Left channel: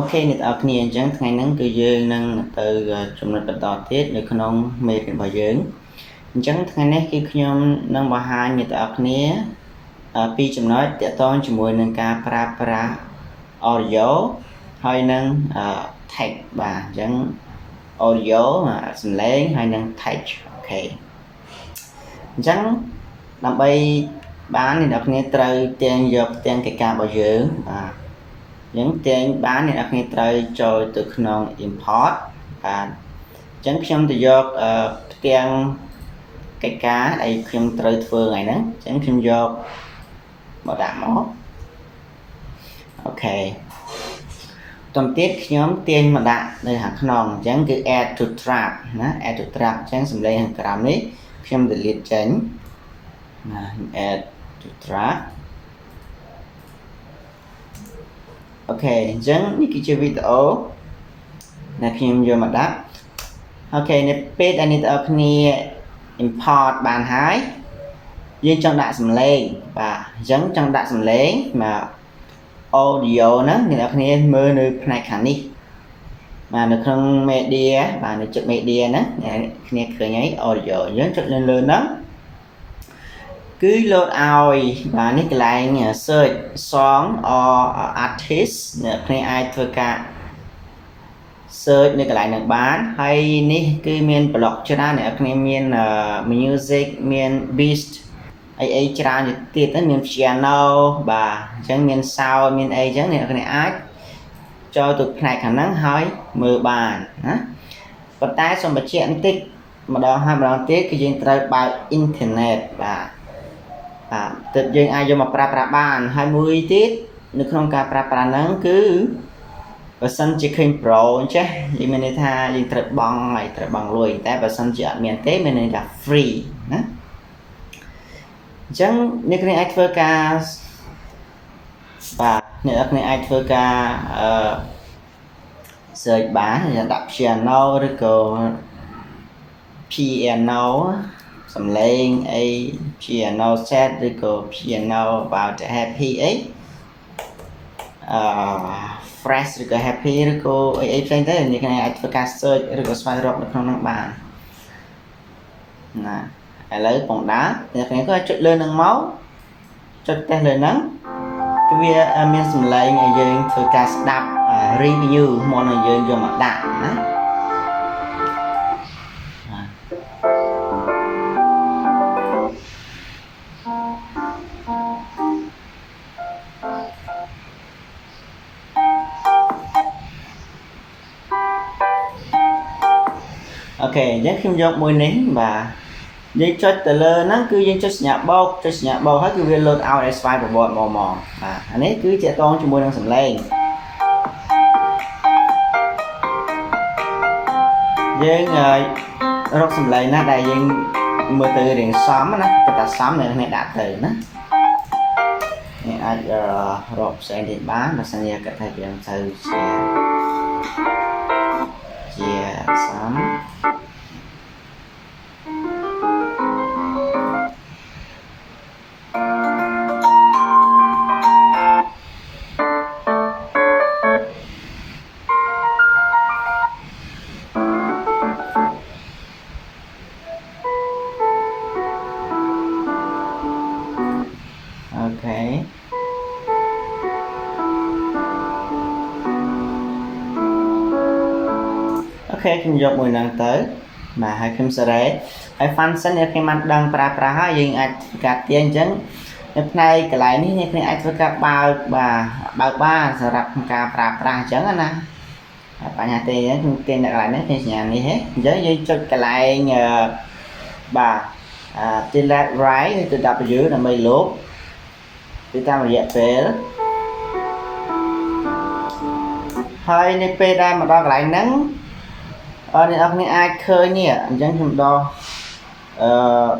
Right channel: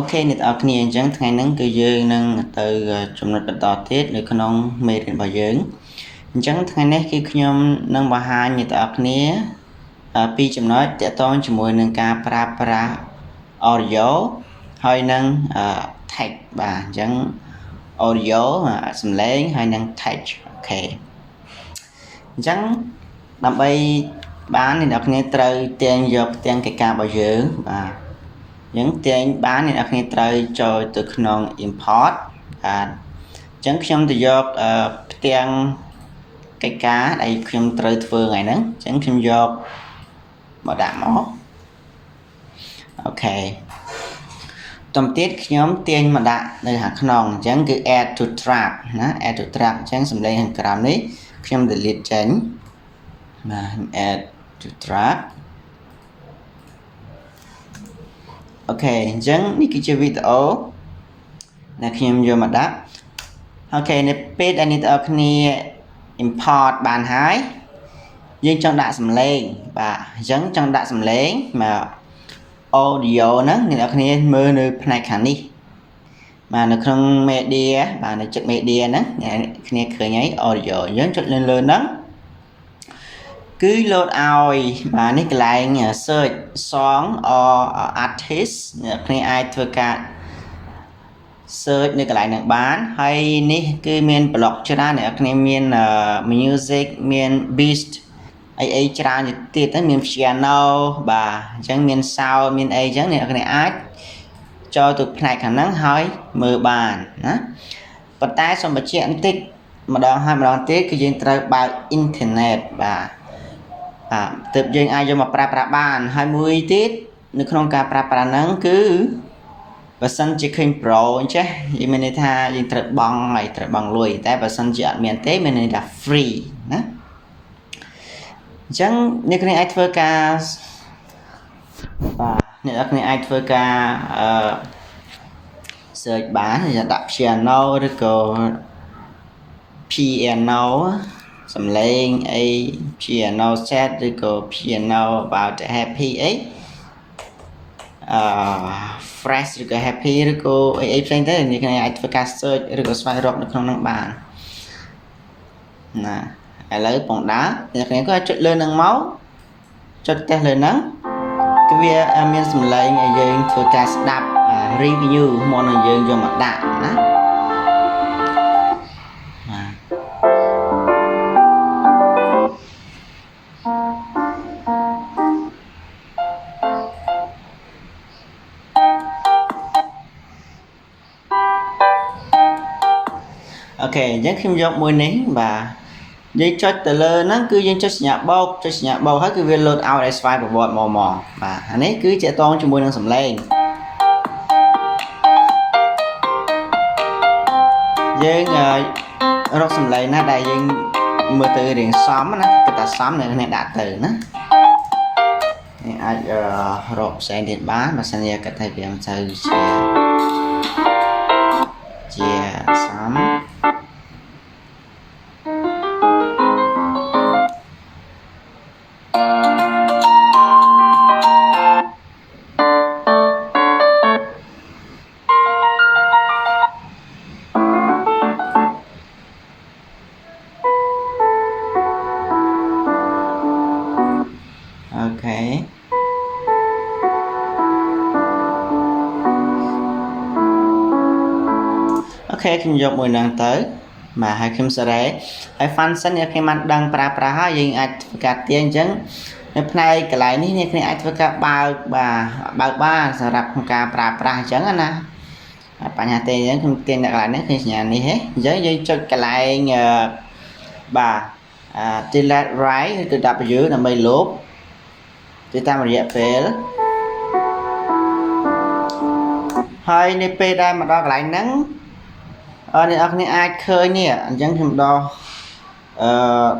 Ok អ្នកទាំងអស់គ្នាអញ្ចឹងថ្ងៃហ្នឹងគឺយើងនឹងទៅចំណុចបន្តទៀតនៅក្នុងមេរៀនរបស់យើងអញ្ចឹងថ្ងៃនេះគឺខ្ញុំនឹងបង្ហាញអ្នកទាំងអស់គ្នាពីចំណុចទាក់ទងជាមួយនឹងការប្រើប្រាស់ audio ហើយនឹង text បាទអញ្ចឹង audio សំឡេងហើយនឹង text អូខេអញ្ចឹងដើម្បីបានអ្នកទាំងអស់គ្នាត្រូវទាញយកផ្ទាំងកិច្ចការរបស់យើងបាទយើងទាញបានអ្នកនរគ្នាត្រូវចូលទៅក្នុង import បាទអញ្ចឹងខ្ញុំទៅយកផ្ទាំងកិច្ចការដែលខ្ញុំត្រូវធ្វើថ្ងៃហ្នឹងអញ្ចឹងខ្ញុំយកមកដាក់មកអូខេតំទៀតខ្ញុំទាញមកដាក់នៅខាងក្នុងអញ្ចឹងគឺ add to track ណា add to track អញ្ចឹងសំឡេងខាងក្រោមនេះខ្ញុំ delete ចេញបាទ add to trackអូខេអញ្ចឹងនេះគឺជាវីដេអូដែលខ្ញុំយកមកដាក់អូខេនៅពេលដែលអ្នកទាំងអស់គ្នា import បានហើយយើងចង់ដាក់សំឡេងបាទអញ្ចឹងចង់ដាក់សំឡេងមក audio ហ្នឹងអ្នកទាំងអស់គ្នាមើលនៅផ្នែកខាងនេះបាទនៅក្នុង media បាទនៅចុច media ហ្នឹងអ្នកគ្នាឃើញហើយ audio អញ្ចឹងចុចលើហ្នឹងគឺ load ឲ្យបាទនេះកន្លែង search song or artist អ្នកគ្នាអាចធ្វើការ search នៅកន្លែងហ្នឹងបានហើយនេះគឺមាន block ច្រើនអ្នកគ្នាមាន music មាន beat អីច្រើនទៀតហ្នឹងមាន piano បាទអញ្ចឹងមាន sound មានអីអញ្ចឹងអ្នកគ្នាអាចចូលទៅផ្នែកខាងហ្នឹងហើយមើលបានណាប៉ុន្តែសូមបញ្ជាក់បន្តិចម្ដងហើយម្ដងទៀតគឺយើងត្រូវបើក internet បាទទើបយើងអាចយកមកប្រើប្រាស់បានហើយមួយទៀតនៅក្នុងការប្រើប្រាស់ហ្នឹងគឺបើសិនជាឃើញ Pro អញ្ចឹងយើងមានន័យថាយើងត្រូវបង់ហើយត្រូវបង់លុយតែបើសិនជាអត់មានទេមានន័យថា free ណាអញ្ចឹងអ្នកគ្នាអាចធ្វើការបាទអ្នកគ្នាអាចធ្វើការsearch បានដាក់ piano ឬក៏ piano សំឡេងអី piano set ឬក៏ piano about happy អីfresh ឬក៏ happy ឬក៏អីផ្សេងទៅអ្នកគ្នាអាចធ្វើការ search ឬក៏ស្វែងរកនៅក្នុងនោះបានណាឥឡូវពងដើរអ្នកគ្នាក៏ចុចលើនឹងមកចុចផ្ទះលើហ្នឹងគឺវាមានសំឡេងឲ្យយើងធ្វើការស្ដាប់ review មកឲ្យយើងយកមកដាក់ណាអូខេអញ្ចឹងខ្ញុំយកមួយនេះបាទយើងចុចទៅលើហ្នឹងគឺយើងចុចសញ្ញាបូកហើយគឺវា load out ឲ្យស្វ័យប្រវត្តិមកបាទអានេះគឺជាតងជាមួយនឹងសំឡេងយើងរកសំឡេងណាដែលយើងមើលទៅរៀងសមណាគឺថាសមអ្នកនេះដាក់ទៅណានេះអាចរកផ្សេងទៀតបានបើសិនជាគាត់ថាវាមិនសូវជាសមអូខេខ្ញុំយកមួយហ្នឹងទៅបាទហើយខ្ញុំសេរីហើយ function អ្នកខ្ញុំបានដឹងប្រើប្រាស់ហើយយើងអាចធ្វើការទាញអញ្ចឹងនៅផ្នែកកន្លែងនេះអ្នកខ្ញុំអាចធ្វើការបើកបានសម្រាប់ក្នុងការប្រើប្រាស់អញ្ចឹងណាបញ្ហាទេអញ្ចឹងខ្ញុំទាញនៅកន្លែងនេះគឺសញ្ញានេះហ៎អញ្ចឹងយើងចុចកន្លែងបាទ delete right គឺ W ដើម្បីលុបទៅតាមរយៈពេលហើយនៅពេលដែលមកដល់កន្លែងហ្នឹងអ្នកនរគ្នាអាចឃើញនេះអញ្ចឹងខ្ញុំដោះ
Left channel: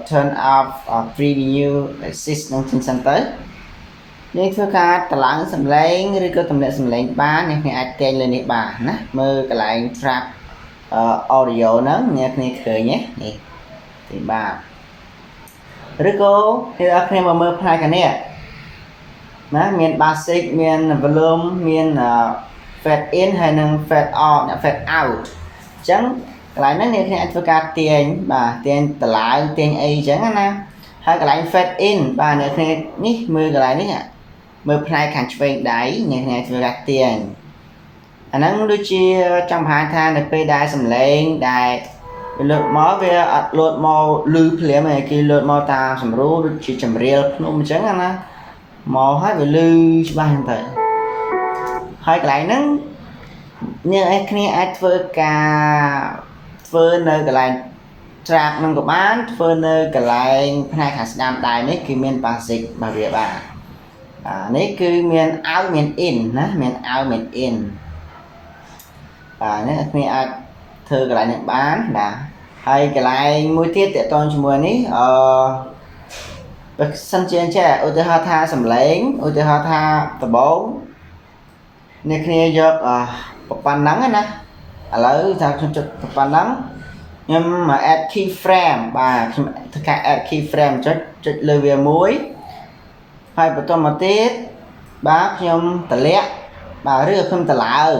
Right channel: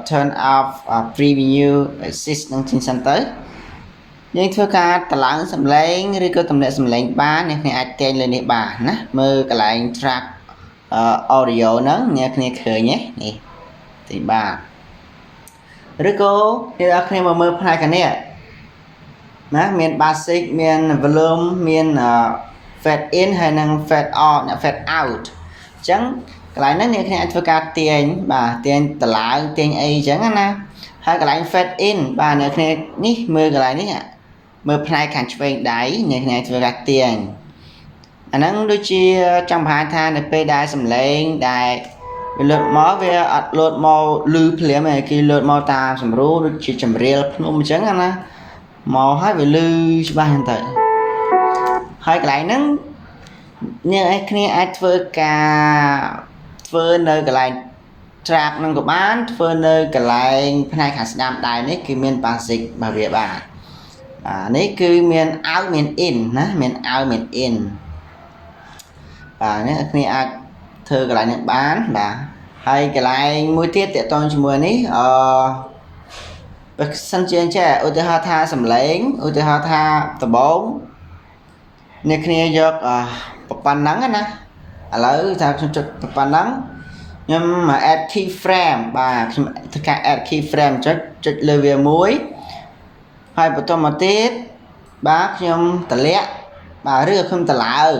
turn off preview assist នឹងទីសិនទៅយើងធ្វើការតម្លើងសំឡេងឬក៏តម្លាក់សំឡេងបានអ្នកគ្នាអាចទាញលើនេះបានណាមើលកន្លែង track audio ហ្នឹងអ្នកគ្នាឃើញទេនេះទីបាទឬក៏អ្នកនរគ្នាមកមើលផ្នែកខាងនេះណាមាន basic មាន volume មាន fade in ហើយនឹង fade out fade out ចឹងកន្លែងហ្នឹងអ្នកគ្នាអាចធ្វើការទាញបាទទាញតឡើងទាញអីចឹងណាហើយកន្លែង fade in បាទអ្នកគ្នានេះមើលកន្លែងនេះមើលផ្នែកខាងឆ្វេងដៃអ្នកគ្នាធ្វើការទាញអាហ្នឹងដូចជាចង់បង្ហាញថានៅពេលដែលសំឡេងដែលវាលោតមកវាអត់លោតមកលឺភ្លាមទេគេលោតមកតាមសម្រួលដូចជាចម្រៀលភ្នំអញ្ចឹងណាមកហើយវាលឺច្បាស់ហ្នឹងទៅហើយកន្លែងហ្នឹងអ្នកគ្នាអាចធ្វើការធ្វើនៅកន្លែង track ហ្នឹងក៏បានធ្វើនៅកន្លែងផ្នែកខាងស្ដាំដៃនេះគឺមាន basic របស់វាបាទនេះគឺមាន out មាន in ណាមាន out មាន in បាទនេះអ្នកគ្នាអាចធ្វើកន្លែងនេះបានបាទហើយកន្លែងមួយទៀតតកតងជាមួយនេះបើសិនជាចេះឧទាហរណ៍ថាសំឡេងឧទាហរណ៍ថាដំបងអ្នកគ្នាយកប៉ុណ្ណឹងណាឥឡូវថាខ្ញុំចុចប៉ុណ្ណឹងខ្ញុំ add key frame បាទខ្ញុំធ្វើការ add key frame ចុចលើវាមួយហើយបន្តមកទៀតបាទខ្ញុំតម្លាក់បាទឬខ្ញុំតម្លើង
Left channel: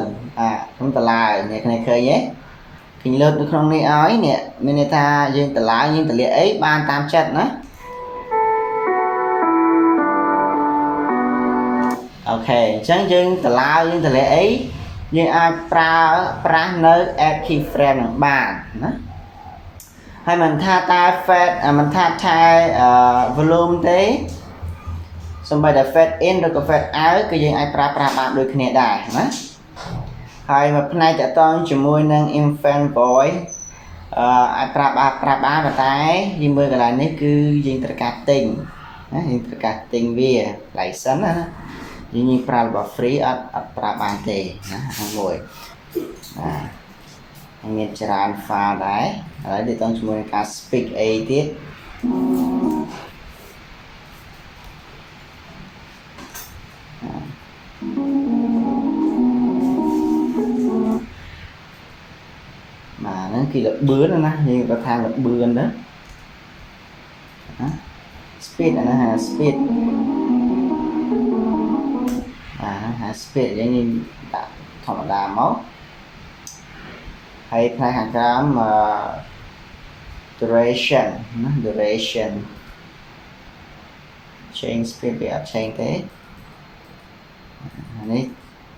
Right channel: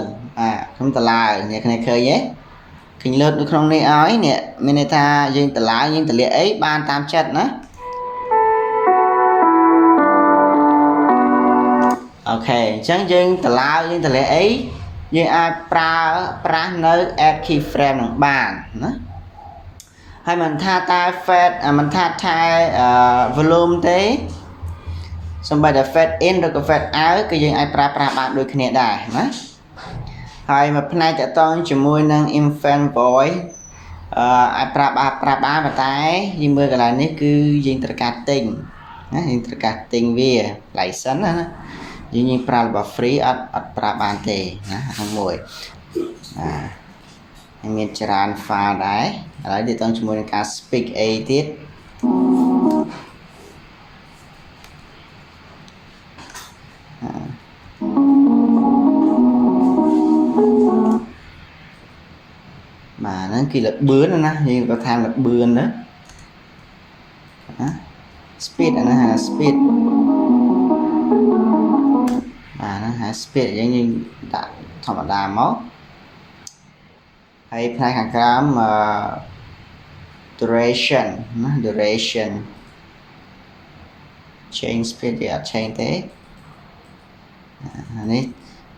ខ្ញុំតម្លើងអ្នកគ្នាឃើញទេឃើញលើកនៅក្នុងនេះឲ្យនេះមានន័យថាយើងតម្លើងយើងតម្លាក់អីបានតាមចិត្តណាអូខេអញ្ចឹងយើងតម្លើងយើងតម្លាក់អីយើងអាចប្រើប្រាស់នៅ add key frame នឹងបានណាហើយមិនថាតែ fade មិនថាតែ volume ទេសូម្បីតែ fade in ឬក៏ fade out គឺយើងអាចប្រើប្រាស់បានដូចគ្នាដែរណាហើយមួយផ្នែកតកតងជាមួយនឹង infant voice អាចប្រើបានប៉ុន្តែយើងមើលកន្លែងនេះគឺយើងត្រូវការទិញណាយើងត្រូវការទិញវា license ណាយើងប្រើរបស់ free អត់ប្រើបានទេណាហ្នឹងមួយមានច្រើន file ដែរឥឡូវតកតងជាមួយនឹងការ speak អីទៀតបាទហ្នឹងគឺល្បឿនណាយើងក៏ថាល្បឿនណា speed ណា speed បាទហ្នឹង speed យើងដាក់ធម្មតាមកហើយផ្នែកខាងក្រោមduration ណា duration change speed វាអត់ change ទេនេះ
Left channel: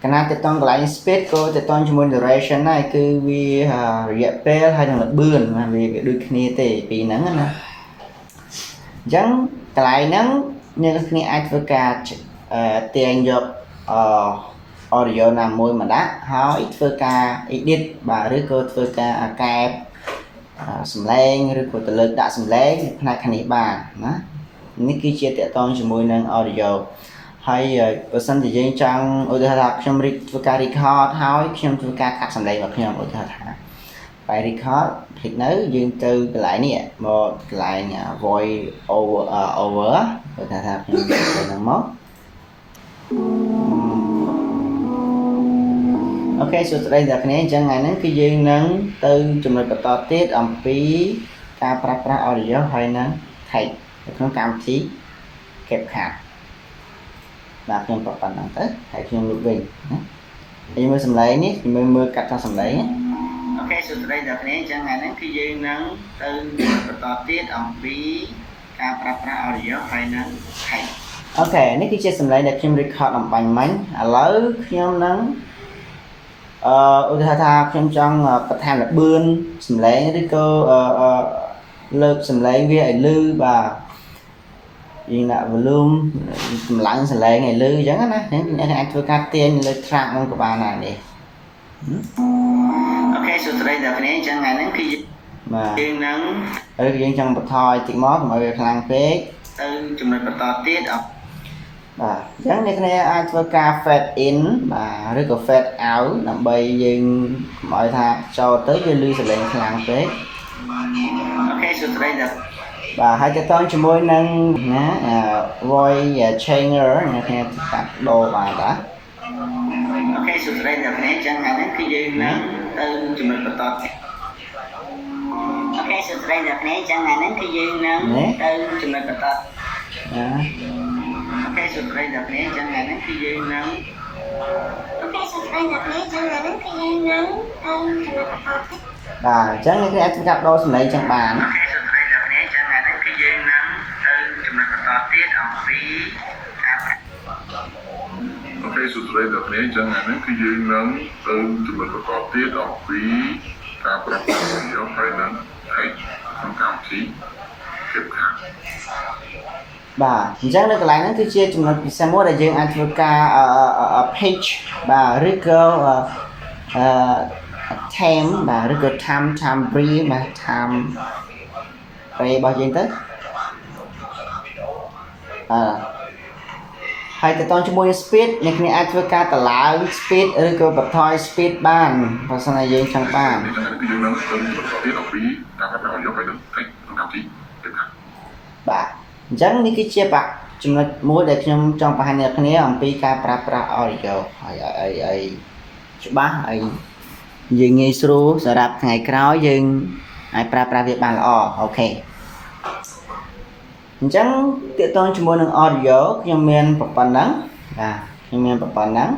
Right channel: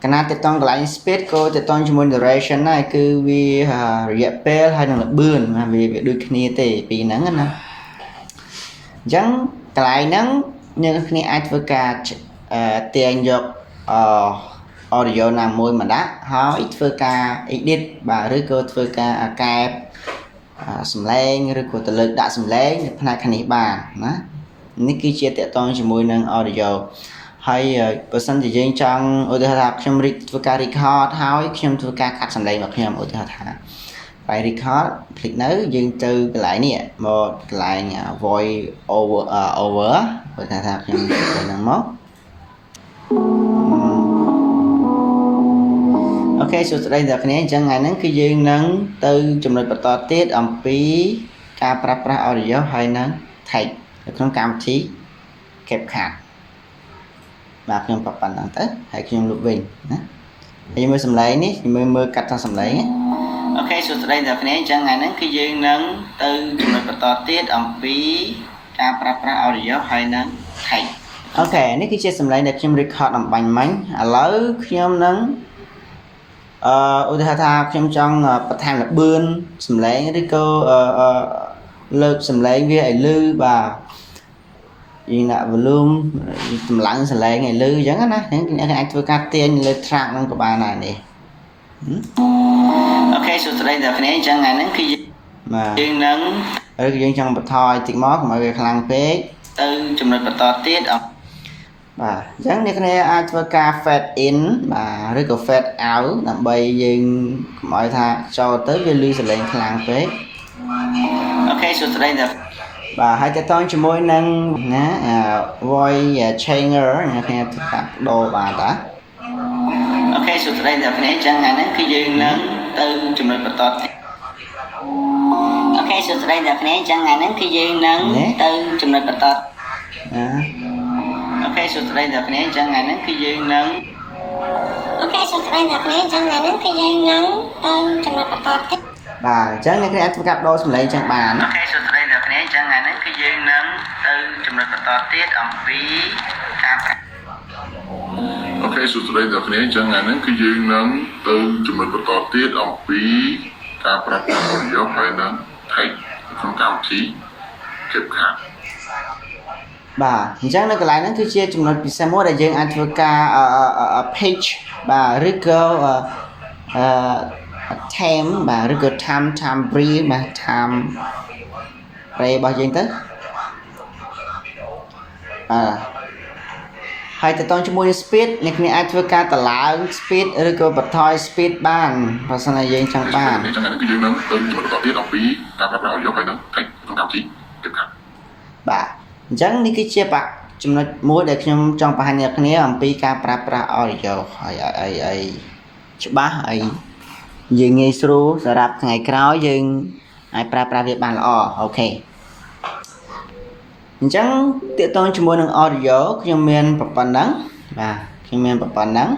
កណាតតងកន្លែង speed ក៏តតងជាមួយ duration ដែរគឺវារយៈពេលហើយនឹងល្បឿនវាដូចគ្នាទេពីហ្នឹងណាអញ្ចឹងកន្លែងហ្នឹងអ្នកគ្នាអាចធ្វើការទាញយកaudio ណាមួយមកដាក់ហើយធ្វើការ edit បាទឬក៏ធ្វើការកែបសំឡេងឬក៏ទៅលើកដាក់សំឡេងនៅផ្នែកខាងនេះបានណានេះគឺជាតកតងជាមួយនឹង audio ហើយបើសិនជាយើងចង់ឧទាហរណ៍ថាខ្ញុំធ្វើការ record ហើយខ្ញុំធ្វើការកាត់សំឡេងរបស់ខ្ញុំឧទាហរណ៍ថាបាយ record คลิกនៅយើងទៅកន្លែងនេះមកកន្លែង voice over បើថាខ្ញុំទៅហ្នឹងមកអូខេសួស្តីអ្នកគ្នាអញ្ចឹងថ្ងៃហ្នឹងគឺយើងនឹងទៅចំណុចបន្តទៀតអំពីការប្រើប្រាស់ audio ហើយនឹង text នៅក្នុងកម្មវិធី CapCut បាទខ្ញុំបប៉ុណ្ណឹងទៅហើយខ្ញុំលុបវិញណាហើយមើលសំឡេងនេះមើលកាត់តាមសំឡេងអូខេសួស្តីអ្នកគ្នាអញ្ចឹងថ្ងៃហ្នឹងគឺយើងនឹងទៅចំណុចបន្តទៀតអំពីការប្រើប្រាស់ audio ហើយនឹង text អូខេនេះគឺជាសំឡេងដែលខ្ញុំ record អំបញ្ញមិញឥឡូវខ្ញុំនឹងឧទាហរណ៍ថាខ្ញុំចង់បន្ថែមល្បឿនសំឡេងឬក៏លើកសំឡេងវាឲ្យលឺបាទយើងដាក់ volume កម្លាំងសំឡេងឲ្យលឺអញ្ចឹងណាអញ្ចឹងអ្នកអាចធ្វើការទាញលើ track ហ្នឹងក៏បានដែរនេះអូខេសួស្តីអ្នកគ្នាអញ្ចឹងថ្ងៃហ្នឹងគឺយើងនឹងឬក៏យើងចង់បន្ថយតិចមកកុំឲ្យវាខ្លាំងពេកទៅចំណុចបន្តទៀតបាទអញ្ចឹងអ្នកគ្នាអាចធ្វើការ fade in បាទឬក៏ fade out ដើម្បីយើងកុំឲ្យថាចូលទៅវាលឺសំឡេងខ្លាំងពេកអូខេសួស្តីអ្នកបាទហើយតើតើជាមួយនឹងណា voice changer អ្នកគ្នាធ្វើការដូរបានតាអូខេសួស្តីអ្នកគ្នាអញ្ចឹងថ្ងៃហ្នឹងគឺយើងនឹងទៅចំណុចបន្តទៀតអូខេសួស្តីអ្នកគ្នាអញ្ចឹងថ្ងៃហ្នឹងគឺយើងនឹងទៅចំណុចបន្តអូខេសួស្តីអ្នកគ្នាអញ្ចឹងថ្ងៃហ្នឹងគឺយើងនឹង អូខេសូមស្ដីអ្នកនេះចឹងថ្ងៃនេះគឺយើងនឹងចំណុចបន្តទៀតបាទអញ្ចឹងអ្នកគ្នាអាចធ្វើការបដូរសំឡេងចឹងបានអូខេសូមស្ដីអ្នកគ្នាអញ្ចឹងថ្ងៃនេះគឺយើងនឹងទៅចំណុចបន្តទៀតអំពីការអូខេសួស្តីអ្នកគ្នាអញ្ចឹងថ្ងៃនេះគឺយើងនឹងទៅចំណុចបន្តទៀតអំពីការប្រើប្រាស់យកហើយនឹង Type ក្នុងកម្មវិធី CapCut បាទអញ្ចឹងនៅកន្លែងហ្នឹងគឺជាចំណុចពិសេសមួយដែលយើងអាចធ្វើការ page បាទឬក៏time បាទឬក៏ time brief បាទ time ray របស់យើងទៅហើយទៅតងជាមួយ speed អ្នកគ្នាអាចធ្វើការតម្លើង speed ឬក៏បន្ថយ speed បានបើសិនជាយើងចង់បានអញ្ចឹងគឺយើងនឹងទៅចំណុចបន្តទៀតអំពីការប្រើប្រាស់យកហើយនឹង Type ក្នុងកម្មវិធី CapCut បាទអញ្ចឹងនេះគឺជាចំណុចមួយដែលខ្ញុំចង់បង្ហាញអ្នកគ្នាអំពីការប្រើប្រាស់ audio ហើយអីច្បាស់អីយើងងាយស្រួលសម្រាប់ថ្ងៃក្រោយយើងអាចប្រើប្រាស់វាបានល្អអូខេអញ្ចឹងទាក់ទងជាមួយនឹង audio ខ្ញុំមានប៉ុណ្ណឹងបាទខ្ញុំមានប៉ុណ្ណឹង